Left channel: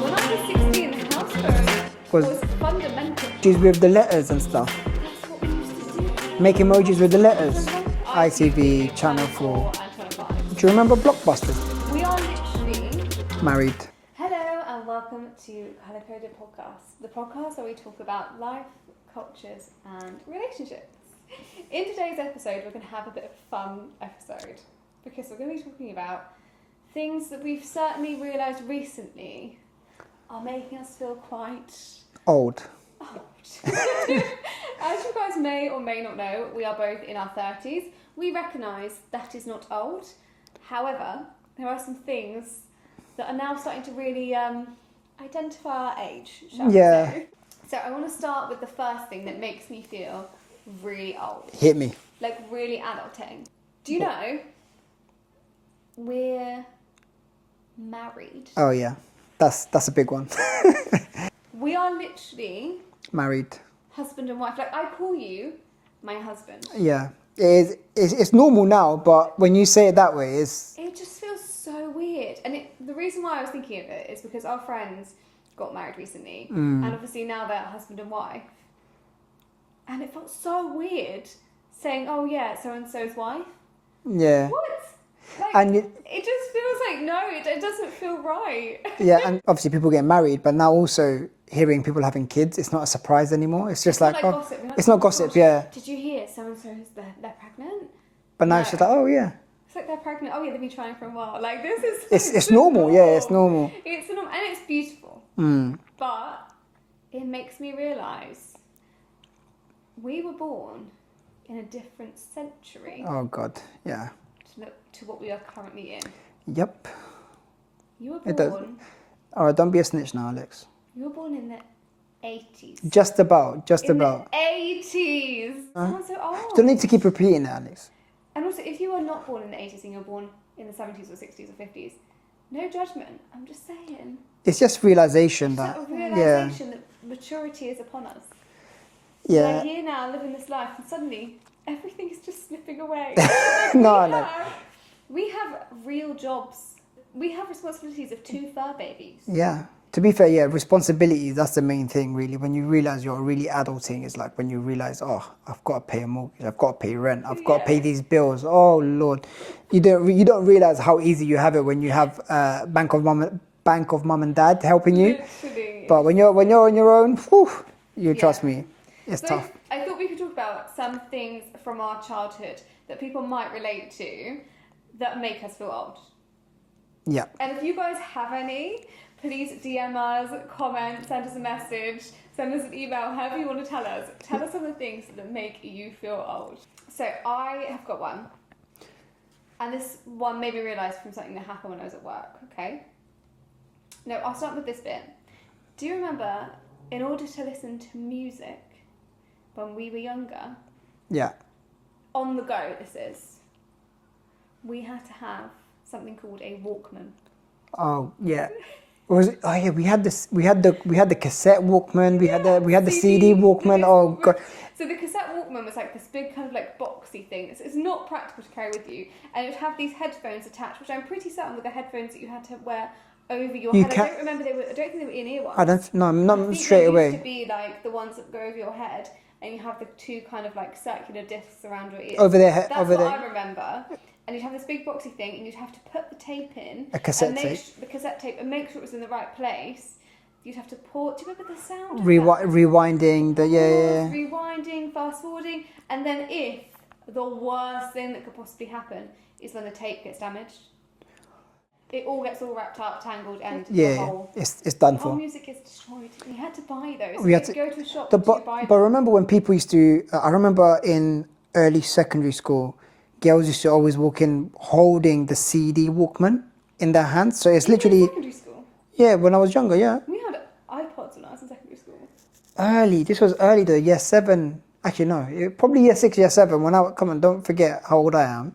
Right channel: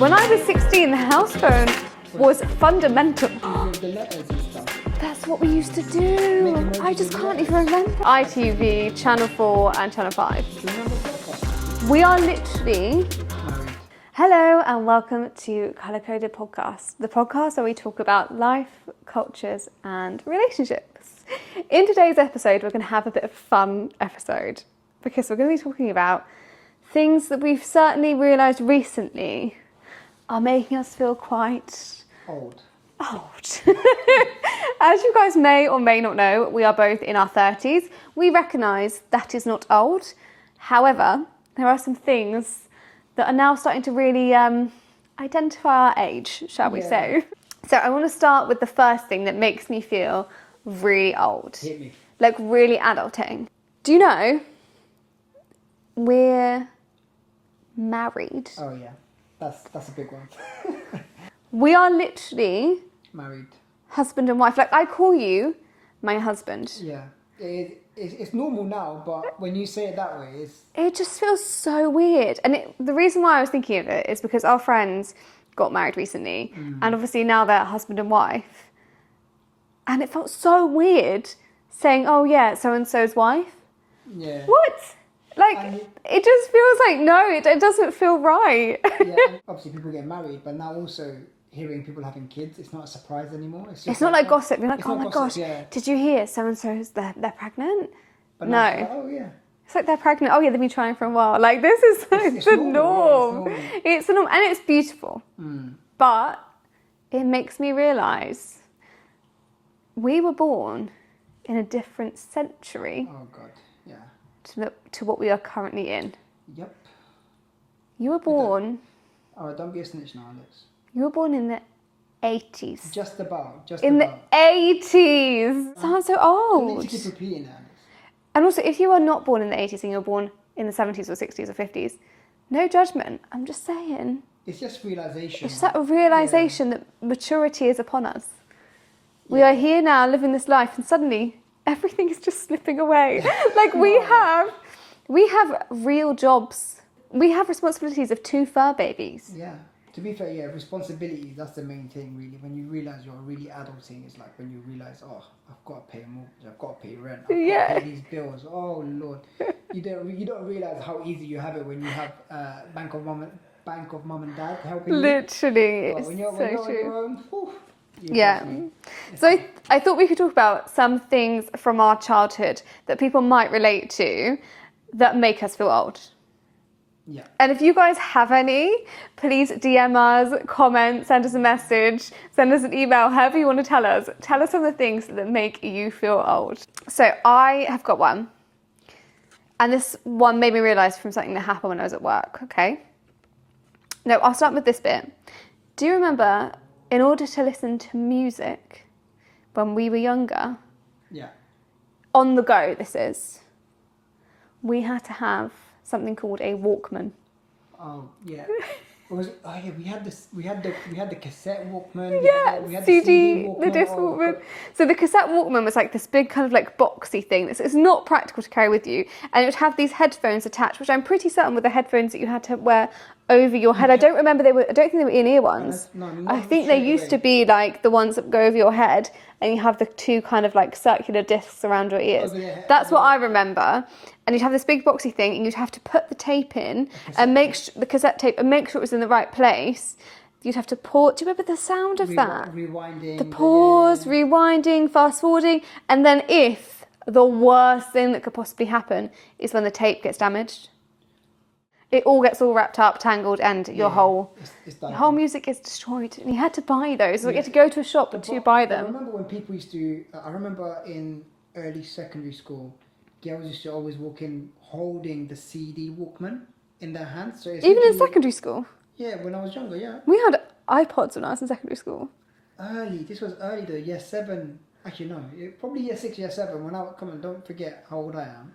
When I was 16, the house phone was fundamental. With the letters and stuff. That's what we used to do. Make emojis with the letters. ITV, Channel 4 and Channel 5. Do you remember Blockbusters? We are literally married. Hello and welcome to CULR CODED Podcast, the podcast where we talk about life, cultures and relationships. In today's episode, we're going to have a bit of a fun episode because we're going to be talking about things that we've certainly realised recently are making us feel quite old. As you guys may or may not know, we are both in our 30s. We recognise that is not old. However, there are some things that are now starting to really identify our age, shall we say. So I want to start with the first thing that makes me feel really old. Hit me. Like really adulting. Do you know we're married? Oh yeah, that's a big one. We are literally married. Husband and wife. Like I call you my husband. Yeah. It's normal now, but when you say it that way, it just feels so weird. And the reason why I was thinking of it is because our friends got married recently, and obviously now they're husband and wife. And it felt so weird saying, "Oh yeah, so and so's wife." Yeah. What? Like it just feels like no, it doesn't feel right. Yeah, and obviously people get married, but now also hearing people having kids, it's not a surprise anymore. It's just not like gossip. You're like, it's not gossip. Gosh, yeah. Did you hear so and so's they're pregnant? But now she's like, oh yeah. It's like they're pregnant. Oh yeah, they've been trying for a while. Like this is it's normal. Yeah, it's normal. It's normal and it's beautiful. But it makes me realise we were born in a different century. Oh God, yeah. To what we are currently in. Yep. You were born. All right, don't be a snitch now, Alex. You were born in the 80s. Just about. In the 80s. Sounds so old. Don't need to keep repeating that, Alex. And also, if you are not born in the 80s and you're born in the 70s or 60s or 50s, no judgment. I'm just saying. It's just realisation. It's that realisation that maturity is upon us. Yeah. We are here now living this life and suddenly everything is just slipping away. Like we have real jobs. We have responsibilities of 2 fur babies. Yeah. To be fair, yeah, responsibilities, that's the main thing really. When you realise you're really adulting, it's like when you realise, oh, I've got to pay a mortgage, I've got to pay rent, I've got to pay these bills. Oh Lord. You don't realise how easy you have it when you have bank of mum and dad helping you. Literally. But when you're on your own, whew, trust me. It's tough. I thought we could talk about some things from our childhood that people might relate to that make us feel old. Yeah. And if you guys have any, please DM us, comment, send us a message, send us an email, however you want to tell us. Tell us some of the things that make you feel old. So I have got one. And this one made me realise from something that happened when I was at work, okay? No, I'll start with this bit. Do you remember, in order to listen to music when we were younger? Yeah. On the go, this is. We had to have something called a Walkman. Oh yeah. Oh yeah, we had the cassette Walkman, we had the CD Walkman. Oh God. So the cassette Walkman was like this big kind of like boxy thing. It's not practical to carry with you, and it would have these headphones attached, which I'm pretty certain were the headphones that you had to wear over your head. I don't remember I don't think they were in-ear ones. I think they used to be like the ones that go over your head, and you have the 2 kind of like circular discs around your ears. That's what I remember. And you'd have this big boxy thing, and you'd have to put the tape in and the cassette tape and make sure it was in the right place. You'd have to pause. Do you remember the sound of that? Rewinding. Rewinding, fast forwarding, and then if the worst thing that could possibly happen is when the tape gets damaged. It all gets wrapped up, tangled, and your whole music is destroyed. And you had to buy those. You had to go to a shop to buy them. But remember when people used to? I remember in early secondary school, girls used to always walk in holding the CD Walkman in their hands. So it's literally in secondary school. Yeah, when I was younger, yeah. We had iPods when I was in secondary school. This was early though, year 7. Actually no, probably year 6, year 7. Come on, don't forget how old I am.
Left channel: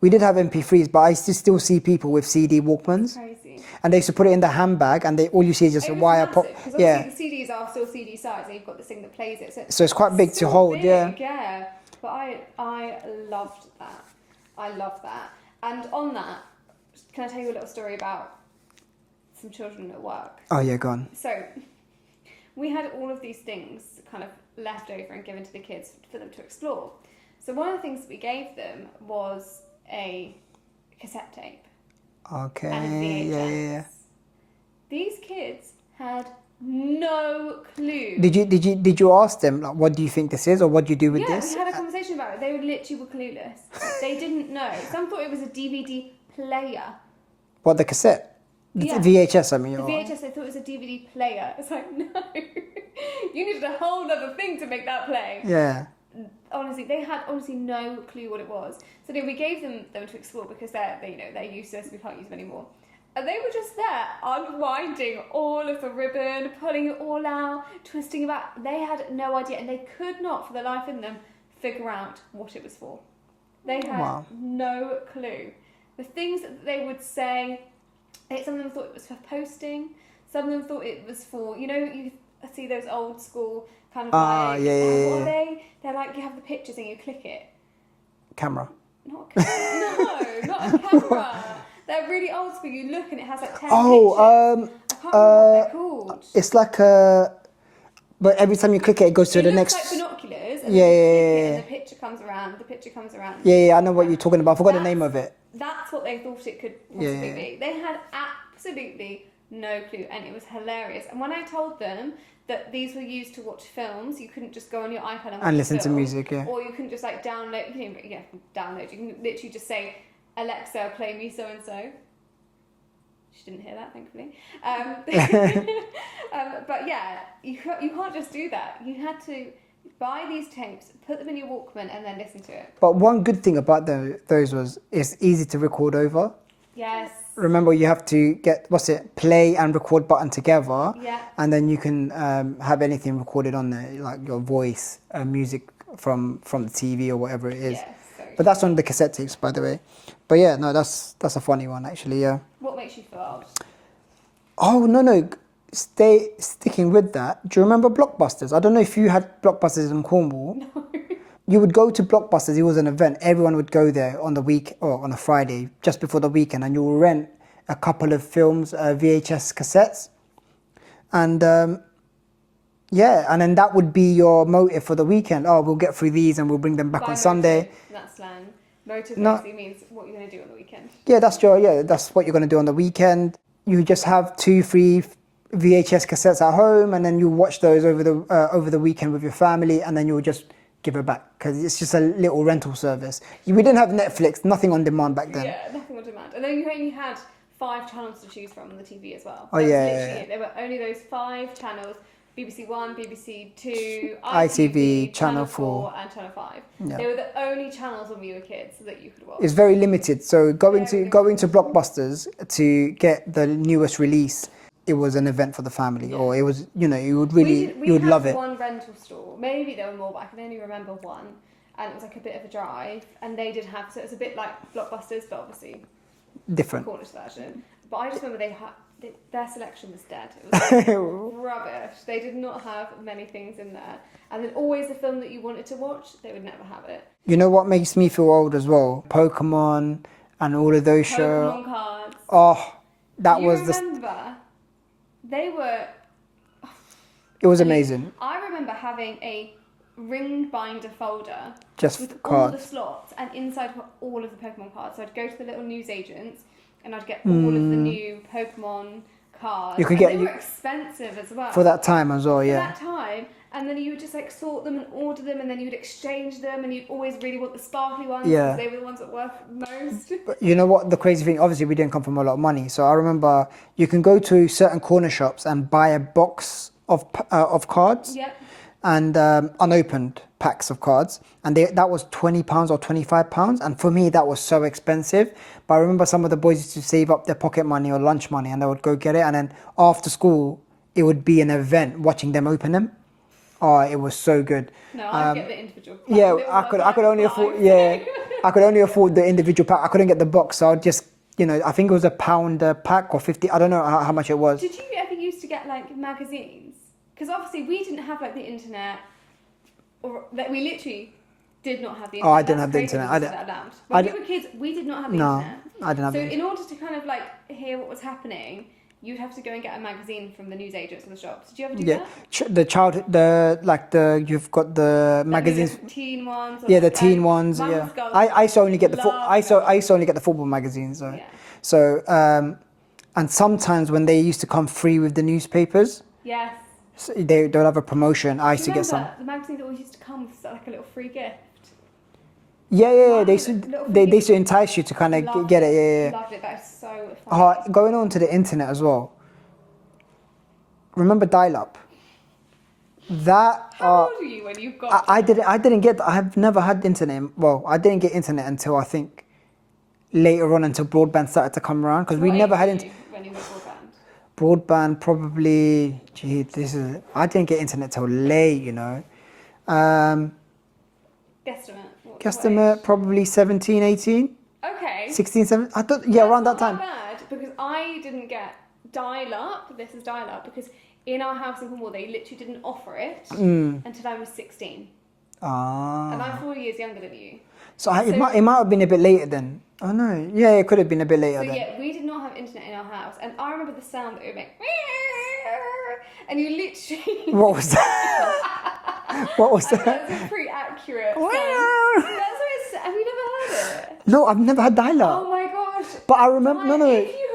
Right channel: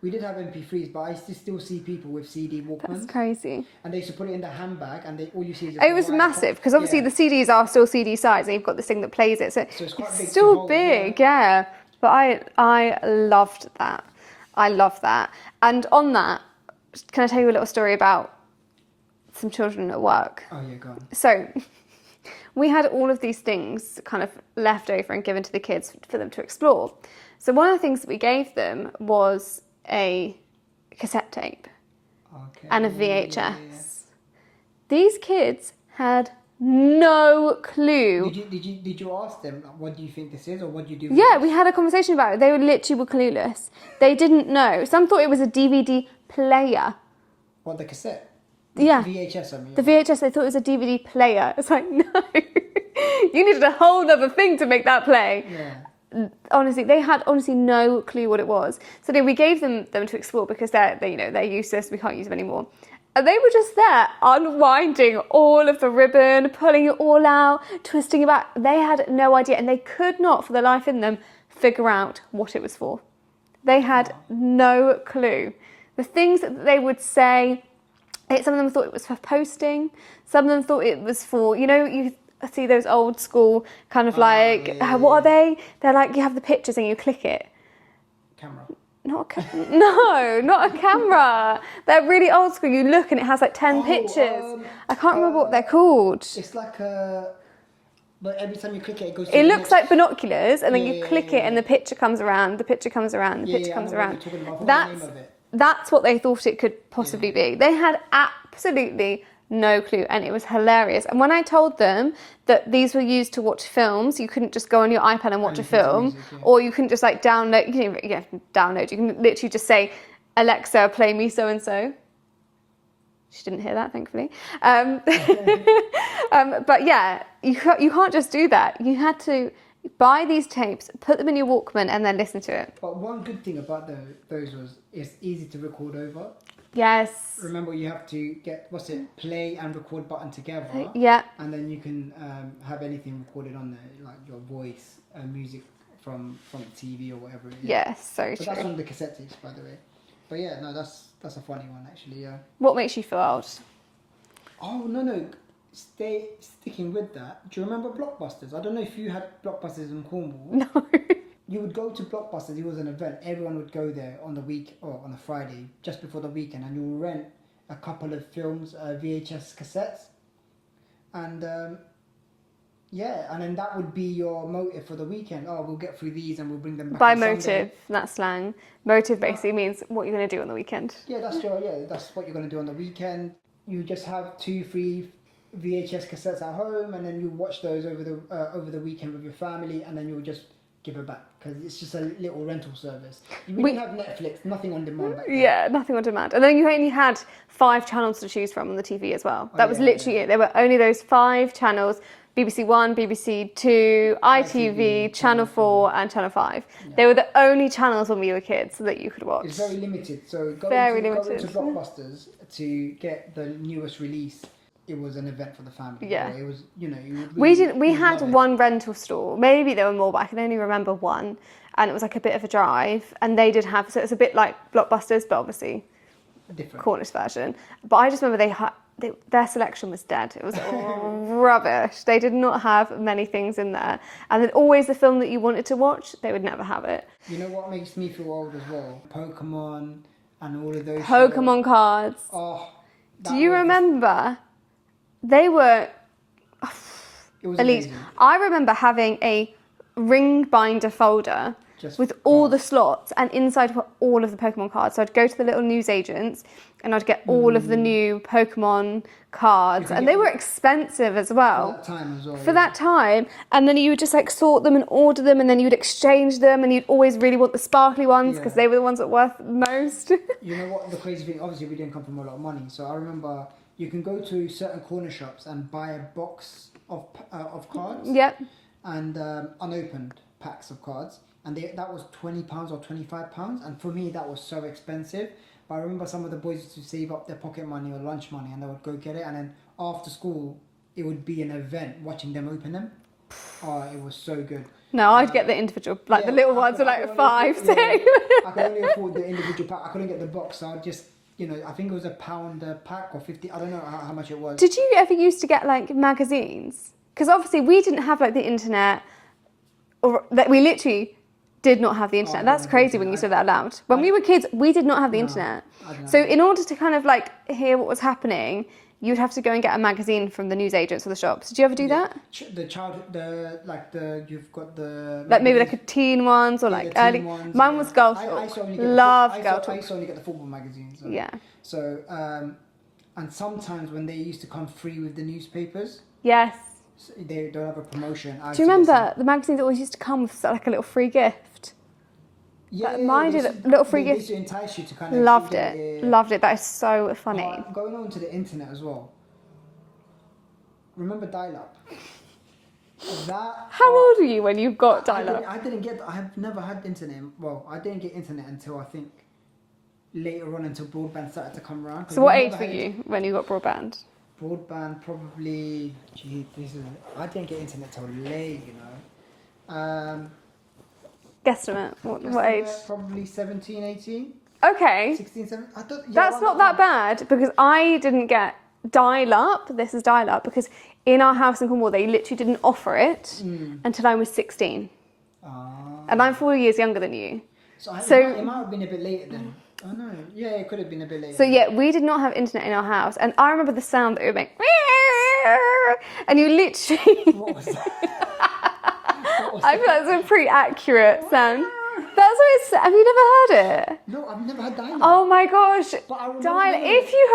We did have MP3s, but I used to still see people with CD Walkmans. That's crazy. And they used to put it in the handbag, and all you see is just a wire. It was massive, because obviously the CDs are still CD size, and you've got this thing that plays it. So it's quite big to Still hold. big, yeah. But I loved that. I love that. And on that, can I tell you a little story about some children at work. Oh yeah, go on. So we had all of these things kind of left over and given to the kids for them to explore. So one of the things that we gave them was a cassette tape. Okay. And a VHS. Yeah. These kids had no clue. Did you ask them, like, what do you think this is, or what do you do with this? Yeah, we had a conversation about it. They were clueless. They didn't know. Some thought it was a DVD player. What, the cassette? Yeah. VHS, I mean. The VHS, they thought it was a DVD player. It's like, no. You needed a whole other thing to make that play. Yeah. Honestly, they had no clue what it was. So then we gave them to explore because they're useless. We can't use them anymore. And they were just there unwinding all of the ribbon, pulling it all out, twisting it back. They had no idea, and they could not, for their life in them, figure out what it was for. They had no clue. The things that they would say, some of them thought it was for posting. Some of them thought it was for, you see those old school kind of what are they? They're like, you have the pictures and you click it. Camera. No, not a camera. They're really old school. You look and it has like 10 pictures. I can't remember what they're called. It's like but every time you click it, it goes to the next... It looks like binoculars, and then you click it and the picture comes around, I know what you're talking about. I forgot the name of it. That's what they thought it could possibly be. They had absolutely no clue, and it was hilarious. And when I told them that these were used to watch films, you couldn't just go on your iPad and watch a film, music, or you couldn't just like download. You can literally just say, Alexa, play me so and so. She didn't hear that, thankfully. But yeah, you can't just do that. You had to buy these tapes, put them in your Walkman, and then listen to it. But one good thing about those was it's easy to record over. Yes. Remember, you have to get, play and record button together. Yeah. And then you can have anything recorded on there, like your voice, music from the TV or whatever it is. Yes, so But that's on the cassette tapes, by the way. But yeah, no, that's a funny one, actually, yeah. What makes you feel old? Oh, no. Sticking with that, do you remember Blockbusters? I don't know if you had Blockbusters in Cornwall. No. You would go to Blockbusters. It was an event. Everyone would go there on the week or on a Friday, just before the weekend, and you will rent a couple of films, VHS cassettes, and and then that would be your motive for the weekend. Oh, we'll get through these and we'll bring them back on Sunday. Motive, that's slang. Motive basically means what you're going to do on the weekend. Yeah, that's what you're going to do on the weekend. You just have 2-3 VHS cassettes at home, and then you watch those over the weekend with your family, and then you'll just give it back because it's just a little rental service. We didn't have Netflix, nothing on demand back then. Yeah, nothing on demand. And then you only had 5 channels to choose from on the TV as well. That was literally it. There were only those 5 channels: BBC One, BBC Two, ITV, Channel 4 and Channel 5. Yeah. They were the only channels when we were kids that you could watch. It's very limited. So go into Blockbusters to get the newest release. It was an event for the family, or it was, you would really We had one rental store. Maybe there were more, but I can only remember one. And it was like a bit of a drive. And they did have, so it's a bit like Blockbusters, but obviously different Cornish version. But I just remember their selection was dead. It was rubbish. They did not have many things in there. And then always the film that you wanted to watch, they would never have it. You know what makes me feel old as well? Pokemon and all of those shows. Pokemon cards. Oh, Do you remember? They were... It was amazing. I remember having a ring binder folder with all the slots, and inside were all of the Pokemon cards. So I'd go to the little newsagents and I'd get all of the new Pokemon cards. And they were expensive as well. For that time as well, For that time. And then you would just like sort them and order them, and then you would exchange them, and you'd always really want the sparkly ones because they were the ones that were worth most. But you know what the crazy thing, obviously we didn't come from a lot of money. So I remember you can go to certain corner shops and buy a box of cards. Yep. And unopened packs of cards, and that was £20 or £25, and for me that was so expensive. But I remember some of the boys used to save up their pocket money or lunch money, and they would go get it, and then after school it would be an event watching them open them. Oh, it was so good. No, I'd get the individual, the little ones I could only I could only afford the individual pack. I couldn't get the box, so I'd just, I think it was £1 a pack or 50. I don't know how much it was. Did you ever used to get like magazines? Because obviously we didn't have like the internet, or that we literally did not have the internet. That's crazy when you say that out loud. When we were kids, we did not have the internet. I didn't have so in order to kind of like hear what was happening, you'd have to go and get a magazine from the newsagents or the shops. Did you ever do that? You've got the Like maybe magazines. like teen ones or Yeah, like the teen early... ones. Mine yeah. was girls. I used to only get I used to only get the football magazines. So. Yeah. So and sometimes when they used to come free with the newspapers, Yes. so they'll have a promotion. I Do used you to get some. remember the magazines always used to come with like a little free gift? Yeah. Mine They did a used little to, free they used to entice you to kind of Loved get it. it. Yeah. Loved it. That is so funny. Going on to the internet as well. Remember dial-up? That. How old were you when you got I dial-up? didn't get. I have never had internet. Well, I didn't get internet until I think later on, until broadband started to come around, because So we what never age had were you when you got broadband? broadband. Probably, I didn't get internet till late. You know. Guesstimate. What Guesstimate age? probably 17, 18, Okay. 16, 17. I thought That's around not that that time. bad because I didn't get dial-up. This is dial-up because in our house in Cornwall they literally didn't offer it until I was 16, and I'm 4 years younger than you. So, it might have been a bit later then. Oh no, yeah, it could have been a bit later. So then. yeah, we did not have internet in our house, and I remember the sound that it would make, and you literally. What was that? What was I that? feel that's a pretty accurate sound. That's what it's. Have you never heard it? No, I've never had dial-up. Oh my gosh! But I remember. No. If you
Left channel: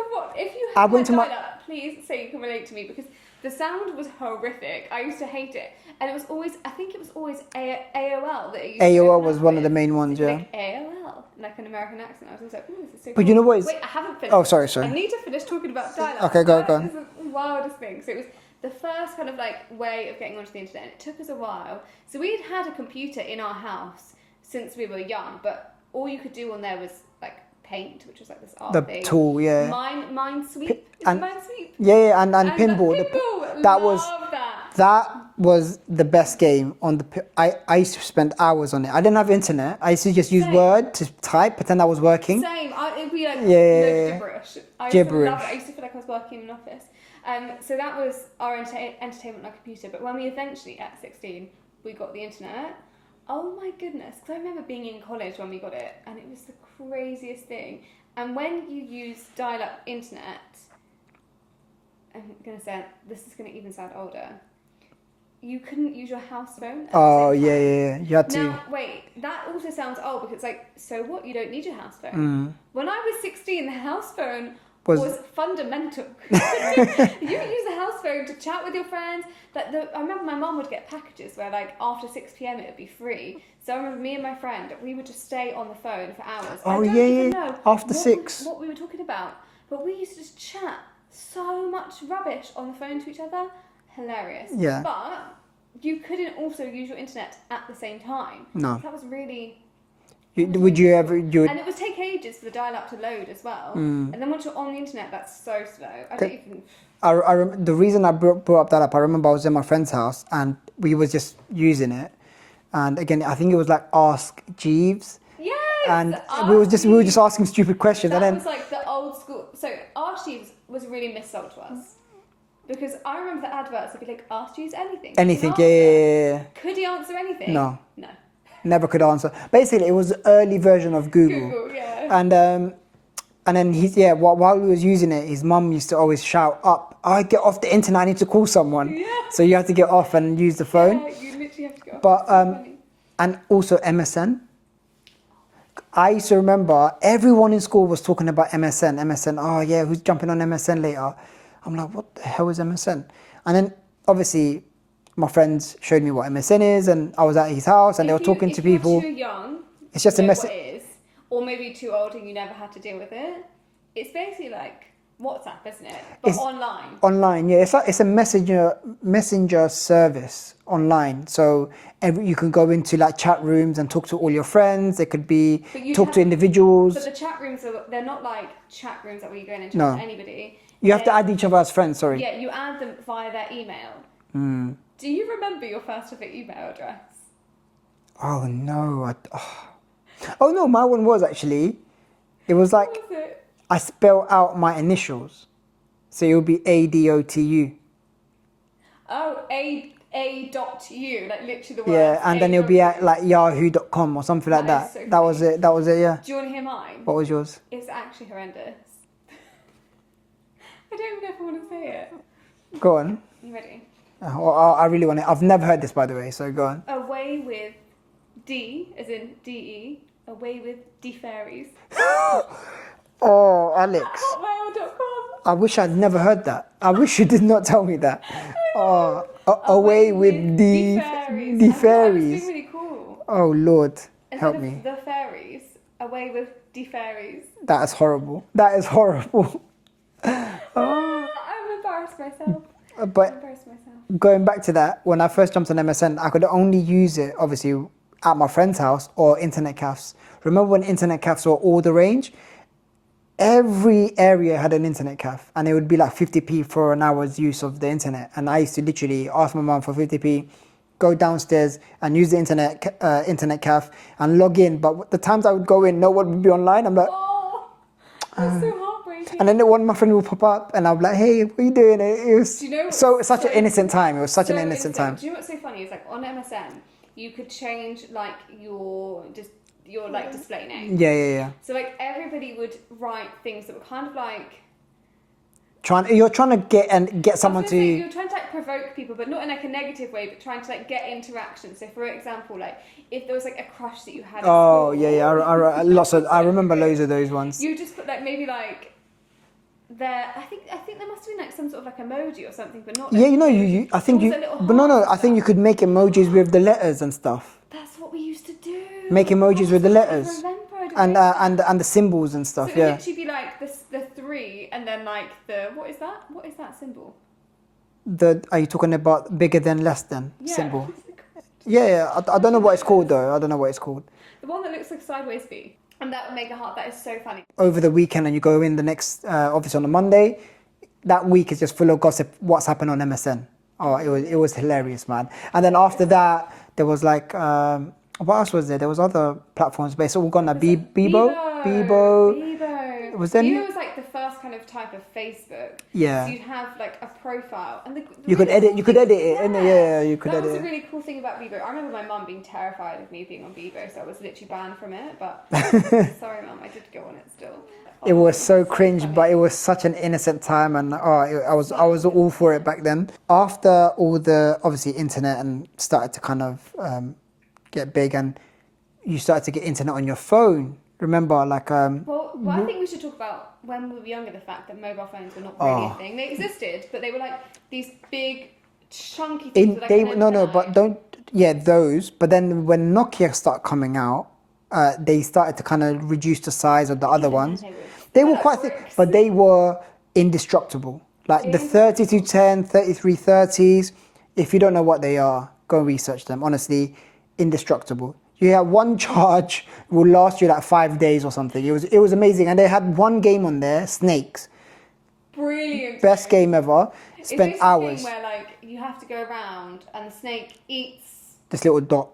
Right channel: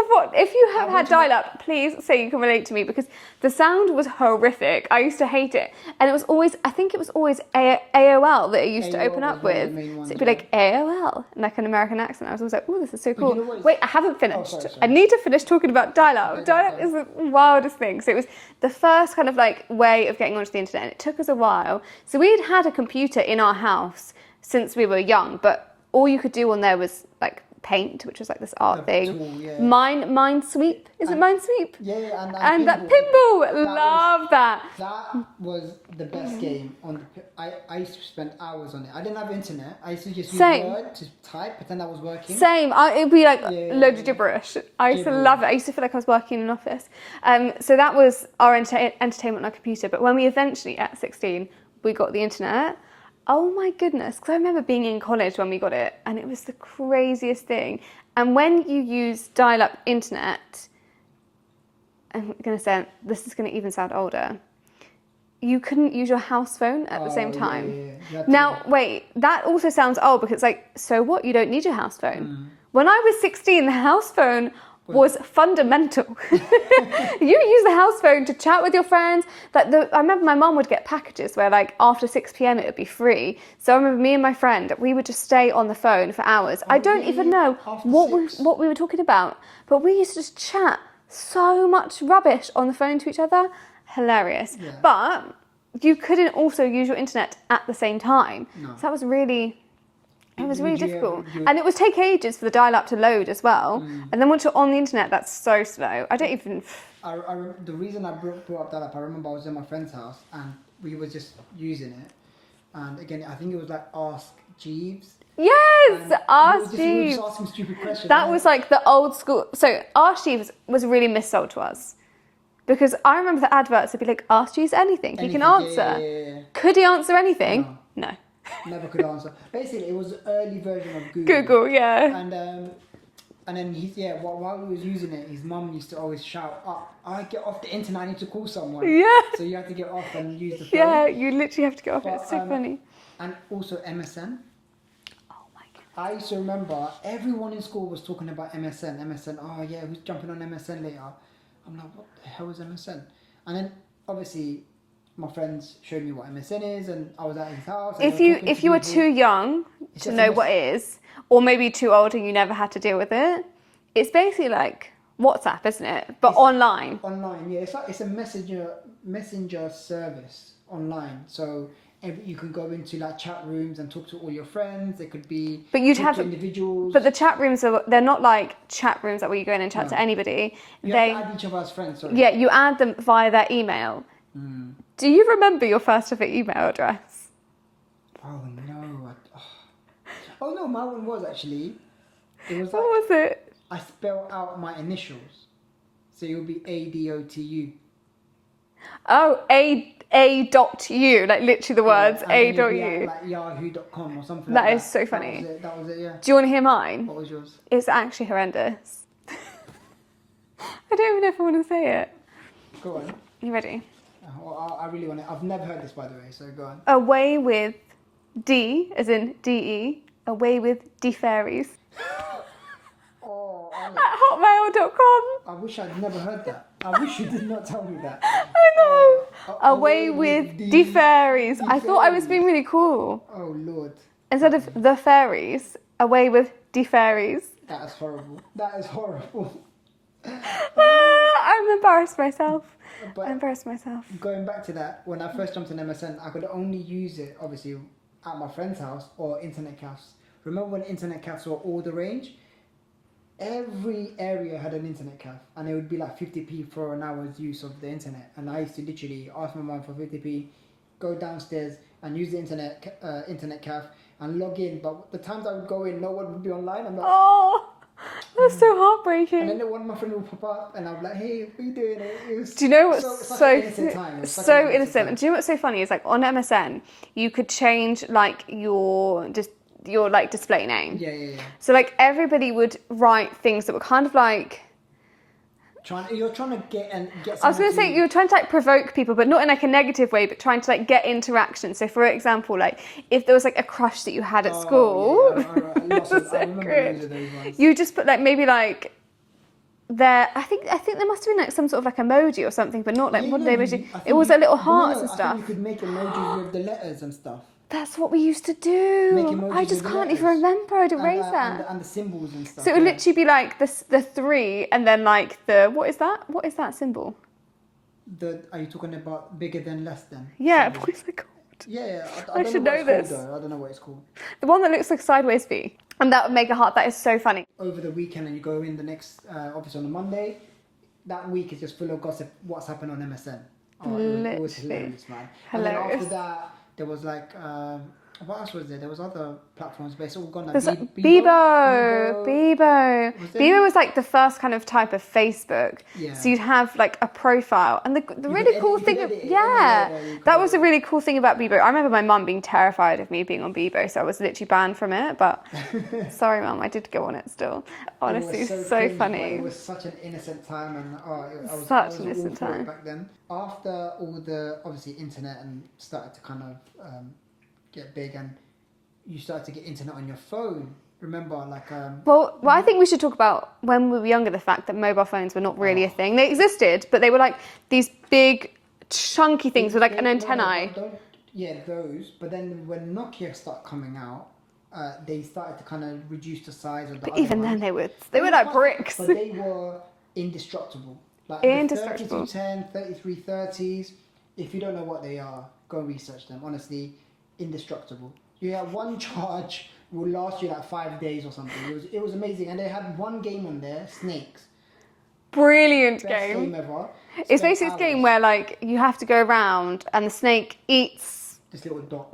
have had went to my- dial-up, please say you can relate to me because the sound was horrific. I used to hate it, and it was always. I think it was always AOL that it used to AOL open up was one of with. the main ones, So it'd be yeah. like AOL, and like an American accent. I was always like, oh, this is so cool. But you know what is- Wait, I haven't finished. Oh, sorry. I need to finish talking about dial-up. Okay, go. Dial-up is the wildest thing. So it was the first kind of like way of getting onto the internet, and it took us a while. So we'd had a computer in our house since we were young, but all you could do on there was like paint, which was like this art The thing. tool, yeah. Minesweep. Is it Minesweep? Yeah, and And that pinball. pinball. Love that. That was the best game on the. I used to spend hours on it. I didn't have internet. I used to just use Same. Word to type, pretend I was working. Same. It'd be like Yeah. loads of gibberish. I used to love it. I used to feel like I was working in an office. So that was our entertainment on our computer. But when we eventually, at 16, we got the internet. Oh my goodness, because I remember being in college when we got it, and it was the craziest thing. And when you use dial-up internet, I'm going to say, this is going to even sound older, you couldn't use your house phone at the same time. Yeah. You had to. Now, wait, that also sounds old because it's like, so what? You don't need your house phone. When I was 16, the house phone was fundamental. You use the house phone to chat with your friends. I remember my mum would get packages where like after 6 p.m. it would be free. So I remember me and my friend, we would just stay on the phone for hours. I don't even know After 6. what we were talking about, but we used to just chat so much rubbish on the phone to each other. Hilarious. Yeah. But you couldn't also use your internet at the same time. No. So that was really... Would you ever do it? And it would take ages for the dial-up to load as well. And then once you're on the internet, that's so slow. I don't even... The reason I brought up that up, I remember I was in my friend's house and we was just using it. And again, I think it was like Ask Jeeves. Yes! And Ask we were just Jeeves. asking stupid questions. That was like the old school... So Ask Jeeves was really missold to us. Because I remember the adverts would be like, Ask Jeeves anything. He Anything, can answer. yeah. Could he answer anything? No. Never could answer. Basically, it was the early version of Google. Google, yeah. And then while we was using it, his mum used to always shout up, "I get off the internet. I need to call someone." Yeah. So you have to get off and use the phone. Yeah, you literally have to get off. But It's so funny. and also MSN. Oh my God. I used to remember everyone in school was talking about MSN. MSN. Oh yeah, who's jumping on MSN later? I'm like, what the hell is MSN? And then obviously, my friends showed me what MSN is, and I was at his house, and they were talking to people. If you were too young It's just to a know what it is, or maybe too old and you never had to deal with it, it's basically like WhatsApp, isn't it? But online. Online, yeah. It's a messenger service online. So you can go into like chat rooms and talk to all your friends. It could be talk to individuals. But the chat rooms they're not like chat rooms that where you go in and chat to anybody. You have to add each other as friends. Sorry. Yeah, you add them via their email. Do you remember your first ever email address? Oh no! Oh no! My one was actually. It was like. What was it? I spell out my initials, so it would be ADOTU. Oh, A.U, like literally the words. Yeah, and then it would be at like yahoo.com or something like that. That is so funny. That was it, yeah. Do you want to hear mine? What was yours? It's actually horrendous. I don't even know if I want to say it. Go on. You ready? I really want to. I've never heard this, by the way, so go on. Away with D, as in D-E, away with D-fairies. Oh, Alex. At hotmail.com. I wish I'd never heard that. I wish you did not tell me that. Away with D-fairies. I thought I was being really cool. Oh, Lord. Instead help of me. the fairies, away with D-fairies. That is horrible. That is horrible. I'm embarrassed myself. But I'm embarrassed myself. going back to that, when I first jumped on MSN, I could only use it, obviously, at my friend's house or internet cafes. Remember when internet cafes were all the range? Every area had an internet cafe, and it would be like 50p for an hour's use of the internet. And I used to literally ask my mum for 50p, go downstairs and use the internet cafe and log in. But the times I would go in, no one would be online. I'm like, Oh, that's so heartbreaking. and then one of my friends would pop up, and I'm like, hey, what are you doing? It was Do you know what's such an innocent time. It was such an innocent time. Do you know what's so funny is like on MSN, you could change like your like display name. Yeah. So like everybody would write things that were kind of like. You're trying to get someone I was to. going to say you were trying to like provoke people, but not in like a negative way, but trying to like get interaction. So for example, like if there was like a crush that you had at school. I remember loads of those ones. You just put like maybe like. I think there must have been like some sort of like emoji or something, but not like I think it was a little heart. I think you could make emojis with the letters and stuff. That's what we used to do. Make emojis with the letters. I can't even remember. I'd erased that. And the symbols and stuff. So it would literally be like the 3 and then like the what is that? What is that symbol? Are you talking about bigger than less than? Yeah. Symbol? What is it called? Yeah. I don't know what it's called though. I don't know what it's called. The one that looks like a sideways V, and that would make a heart. That is so funny. Over the weekend, and you go in the next obviously on a Monday. That week is just full of gossip. What's happened on MSN? Oh, it was hilarious, man. And then after that, there was like. What else was there? There was other platforms, but it's all gone now. Bebo. Was Bebo was like the first kind of type of Facebook. Yeah. So you'd have like a profile, and the you really could edit. cool You could thing. edit it. Yeah. You could that edit was a it. really cool thing about Bebo. I remember my mum being terrified of me being on Bebo, so I was literally banned from it. But sorry, mum, I did go on it still. Honestly, it was so cringe, funny. but it was such an innocent time, and I was all for it back then. After all the obviously internet and started to kind of get big, and you started to get internet on your phone. Remember, like Well, I think we should talk about when we were younger. The fact that mobile phones were not really a thing. They existed, but they were like these big, chunky things with like an antenna. Those. But then when Nokia started coming out, they started to kind of reduce the size of the other ones. Then they were like quite bricks. but they were indestructible. Like the 3210, 3330s. If you don't know what they are, go and research them. Honestly, indestructible. You have one charge will last you like 5 days or something. It was amazing, and they had one game on there, Snakes. Brilliant. Best game ever. It's basically a game where like you have to go around and the snake eats this little dot.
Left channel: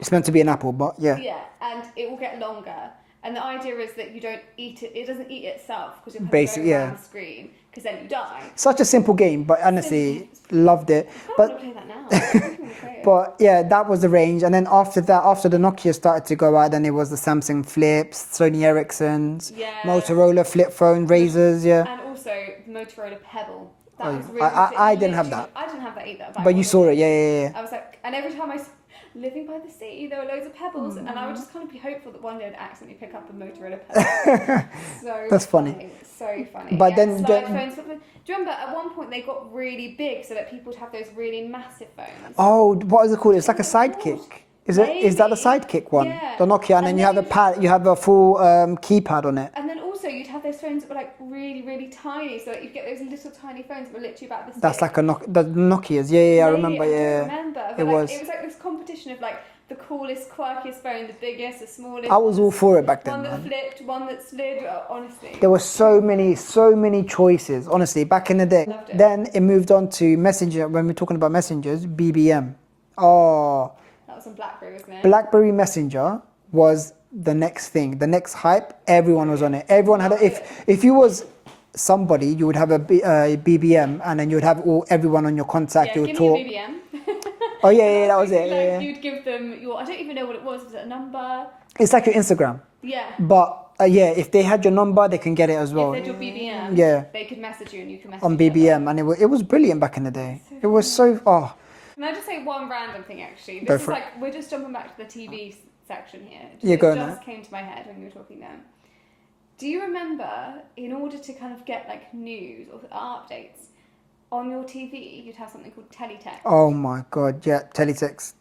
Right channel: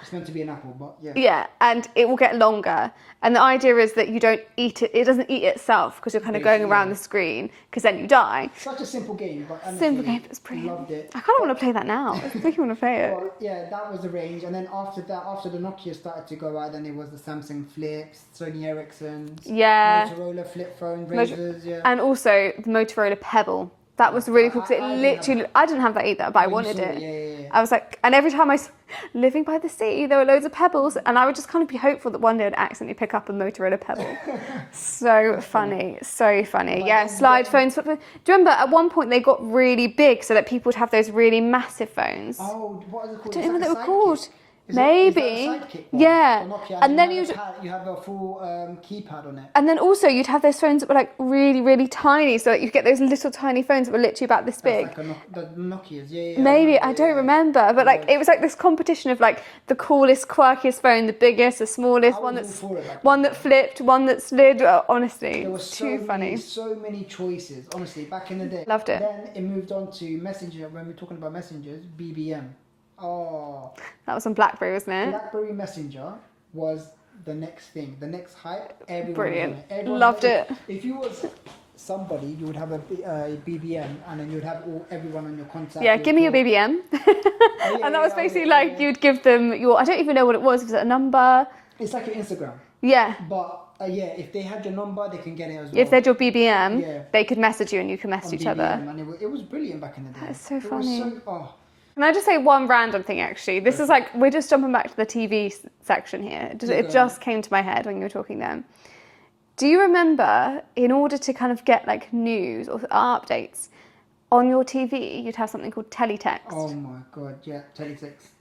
It's meant to be an apple, but yeah. Yeah, and it will get longer. And the idea is that you don't eat it. It doesn't eat itself because you're kind of going around the screen because then you die. Such a simple game, but honestly, loved it. I kind of want to play that now. I really want to play it. But yeah, that was the range. And then after that, after the Nokia started to go out, then it was the Samsung Flips, Sony Ericssons, Motorola flip phone, Razors, And also the Motorola Pebble. That was really cool. I didn't have that. I didn't have that either, but I wanted you saw it, yeah. I was like, and every time living by the sea, there were loads of pebbles, and I would just kind of be hopeful that one day I'd accidentally pick up a Motorola Pebble. That's funny. So funny. But yeah, slide phones. Do you remember at one point they got really big so that people would have those really massive phones? Oh, what is it called? It's like a sidekick. Is that the sidekick one? Yeah. The Nokia, and then you have a full keypad on it. And then also you'd have those phones that were like really, really tiny, so that you get those little tiny phones that were literally about this big. That's like the Nokias, yeah. Maybe, I don't remember, but it was like this competition of like the coolest, quirkiest phone, the biggest, the smallest. I was all for it back then. One that flipped, one that slid. Honestly, there were so many choices. Honestly, back in the day. Loved it. Then it moved on to Messenger. When we're talking about messengers, BBM. Oh. That was on BlackBerry, wasn't it? BlackBerry Messenger was the next thing, the next hype. Everyone was on it. Everyone Loved had it. If you was somebody, you would have a BBM, and then you would have everyone on your contact. Yeah, give me your BBM. Oh yeah, and that was basically like you'd give them your. I don't even know what it was. Was it a number? It's like your Instagram. Yeah. But Yeah, if they had your number, they can get it as well. If they had your BBM, Yeah. they could message you and you could message on each other. BBM, and it was brilliant back in the day. That's so it was funny. so Can I just say one random thing, actually? This Go is for it. like, we're just jumping back to the TV section here. Yeah, go It on just then. came to my head when you were talking then. Do you remember, in order to kind of get like news or updates on your TV, you'd have something called Teletext? Oh my god, yeah, Teletext.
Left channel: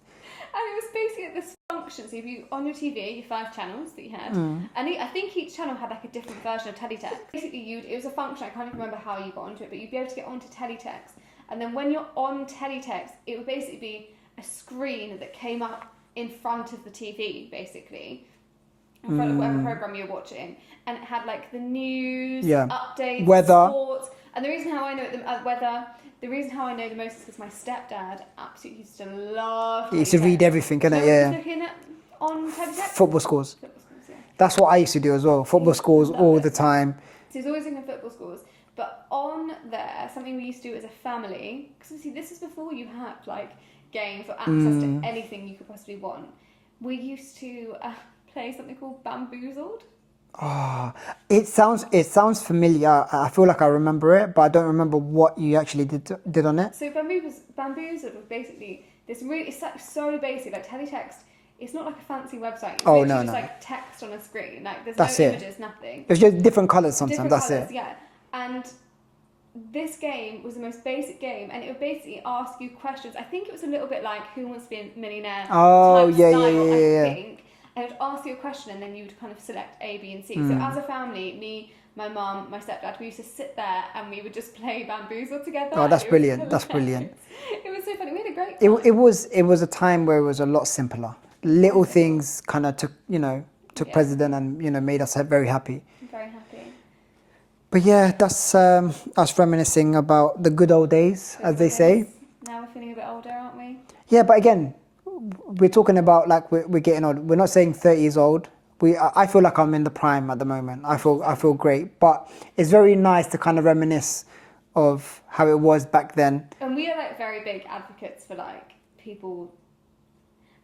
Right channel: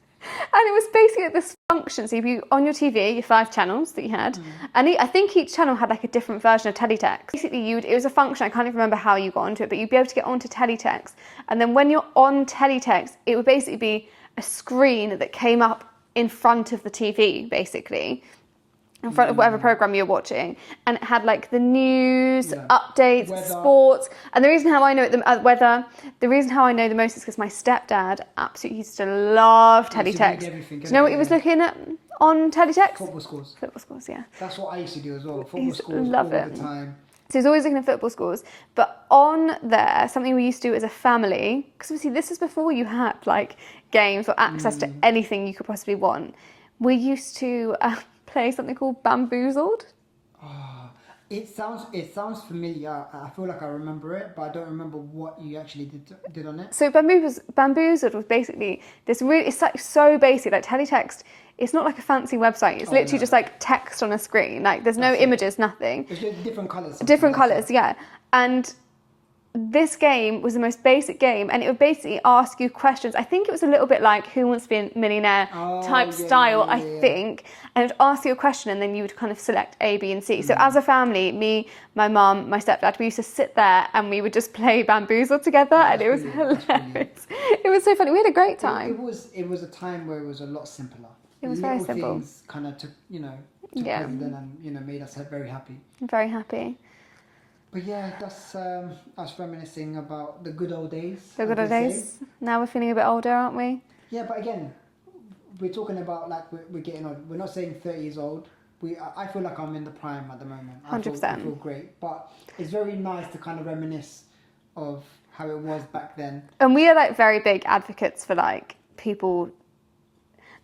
And it was basically this function. So if you, on your TV, your 5 channels that you had, Mm. and I think each channel had like a different version of Teletext. Basically, it was a function, I can't even remember how you got onto it, but you'd be able to get onto Teletext. And then when you're on Teletext, it would basically be a screen that came up in front of the TV, basically. In front of whatever program you're watching, and it had like the news, Yeah. updates, Weather. sports, and the reason how I know it, weather. The reason how I know the most is because my stepdad absolutely used to love He Teletext. used to read everything, Do you innit? know what he Yeah. was looking at on Teletext? Football scores. Football scores, yeah. That's what I used to do as well. Football used to scores love all it. the time. So he's always looking at football scores. But on there, something we used to do as a family, because obviously this is before you had like games or access to anything you could possibly want. We used to play something called Bamboozled. Oh, it sounds familiar. I feel like I remember it, but I don't remember what you actually did on it. So Bamboozled was basically this really, it's like so basic, like Teletext. It's not like a fancy website. It's literally just like text on a screen. Like there's That's no it. images, nothing. It's just different colours sometimes. Different that's colours, it. yeah. And this game was the most basic game, and it would basically ask you questions. I think it was a little bit like Who Wants to Be a Millionaire type style, I think. And it would ask you a question, and then you would kind of select A, B, and C. So as a family, me, my mum, my stepdad, we used to sit there and we would just play Bamboozle together. Oh, that's and it was brilliant. That's hilarious. brilliant. It was so funny. We had a great time. It was a time where it was a lot simpler. was very Little simple. things kind of took Yeah. precedent and made us very happy. I'm very happy. But yeah, that's us reminiscing about the good old days, So as good they old say. days. Now we're feeling a bit older, aren't we? Yeah, but again, we're talking about like we're getting old. We're not saying 30 years old. I feel like I'm in the prime at the moment. I 100%. feel great. But it's very nice to kind of reminisce of how it was back then. And we are like very big advocates for like people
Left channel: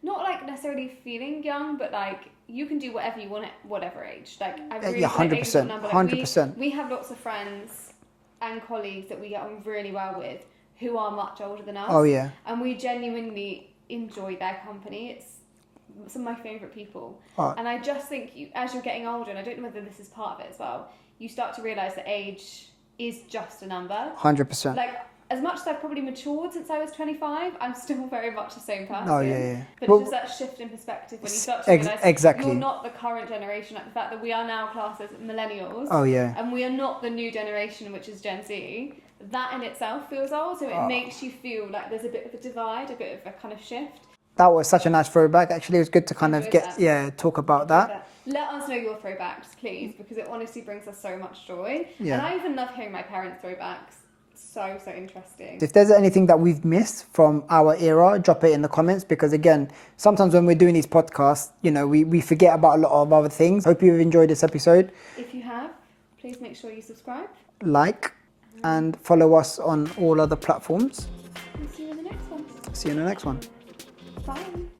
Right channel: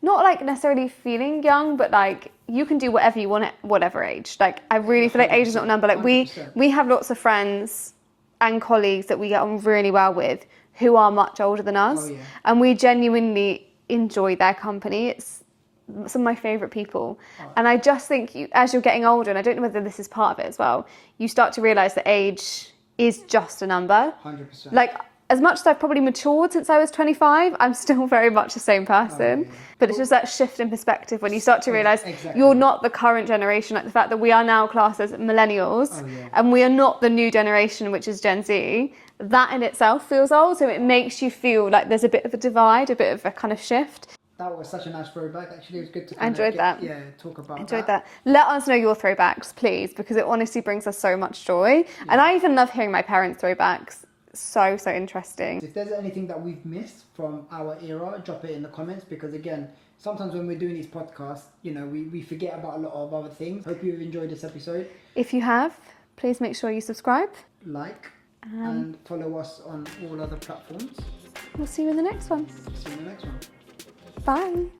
not like necessarily feeling young, but like you can do whatever you want at whatever age. Like I really Yeah, feel like age is not a 100%, number. Like 100%. we have lots of friends and colleagues that we get on really well with who are much older than us. Oh, yeah. And we genuinely enjoy their company. It's some of my favourite people. Oh. And I just think as you're getting older, and I don't know whether this is part of it as well, you start to realise that age is just a number. 100%. Like, as much as I've probably matured since I was 25, I'm still very much the same person. Oh, yeah. But Well, it's just that shift in perspective when you start to realise exactly. you're not the current generation. Like the fact that we are now classed as millennials. Oh, yeah. And we are not the new generation, which is Gen Z. That in itself feels old. So it makes you feel like there's a bit of a divide, a bit of a kind of shift. That was such a nice throwback. Actually, it was good to kind of enjoyed get that. talk about Enjoyed that. Let us know your throwbacks, please, because it honestly brings us so much joy. Yeah. And I even love hearing my parents' throwbacks. So interesting. If there's anything that we've missed from our era, drop it in the comments, because again, sometimes when we're doing these podcasts, we forget about a lot of other things. Hope you've enjoyed this episode. If you have, please make sure you subscribe. Like and follow us on all other platforms. We'll see you in the next one. See you in the next one. Bye.